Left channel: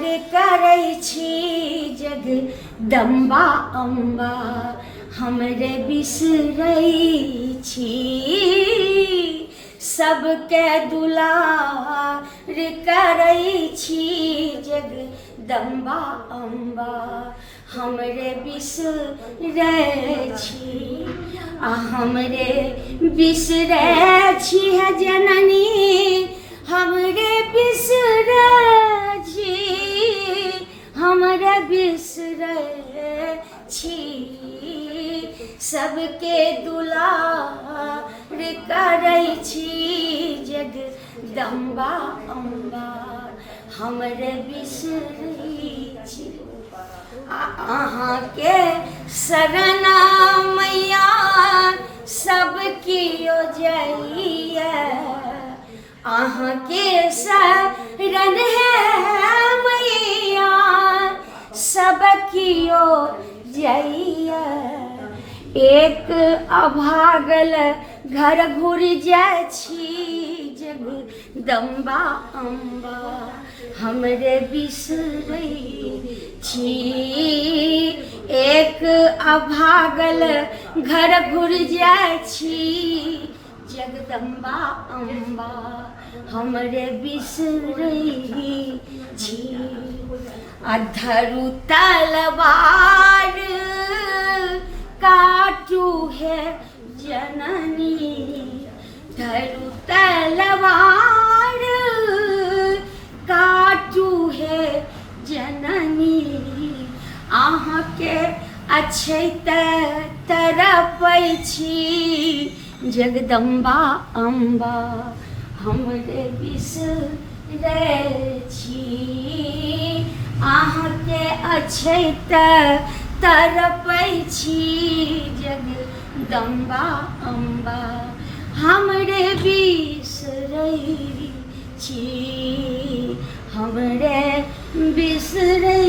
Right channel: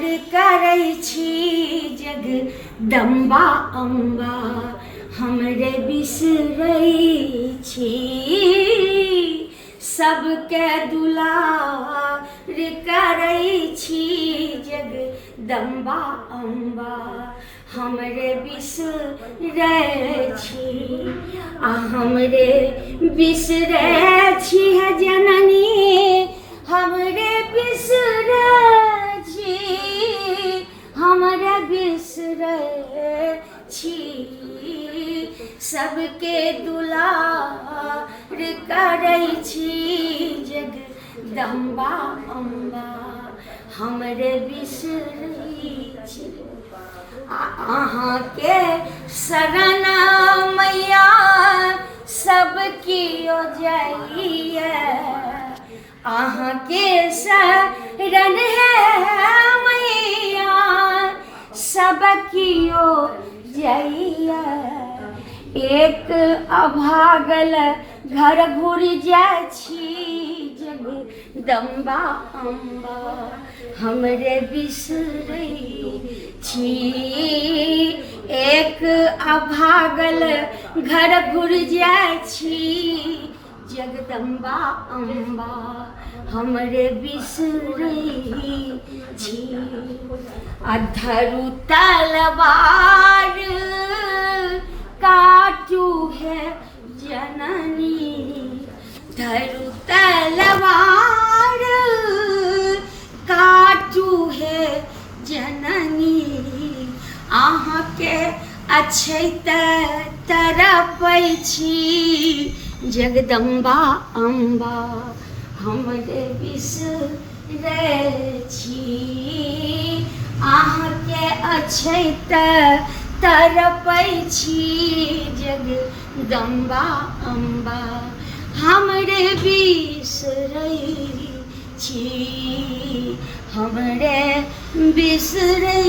रे करै छी जगदम्बा अम्बा हमरे बिसरै छी सबके दुलार करै छी जगदम्बा अम्बा हमरे बिसरै छी आ हमरे बिसरै छी है जननी हमरे बिसरै छी हमरे बिसरै छी सबके दुलार करै छी जगदम्बा अम्बा हमरे बिसरै छी अहाँके शरण मैया सब कियो जाइए अहाँके शरण है मैया सब कियो जाइए एक अभागल घर घुर जाइ छी जगदम्बा अम्बा हमरे बिसरै छी एक अभागल घर घुर जाइ छी जगदम्बा अम्बा हमरे बिसरै छी अधरु तलवार काटू है जननी धरु तलवार काटू है जननी अहाँके अछैत तरपै छी जगदम्बा अम्बा हमरे बिसरै छी अहाँके अछैत तरपै छी जगदम्बा अम्बा हमरे बिसरै छी हमरे बिसरै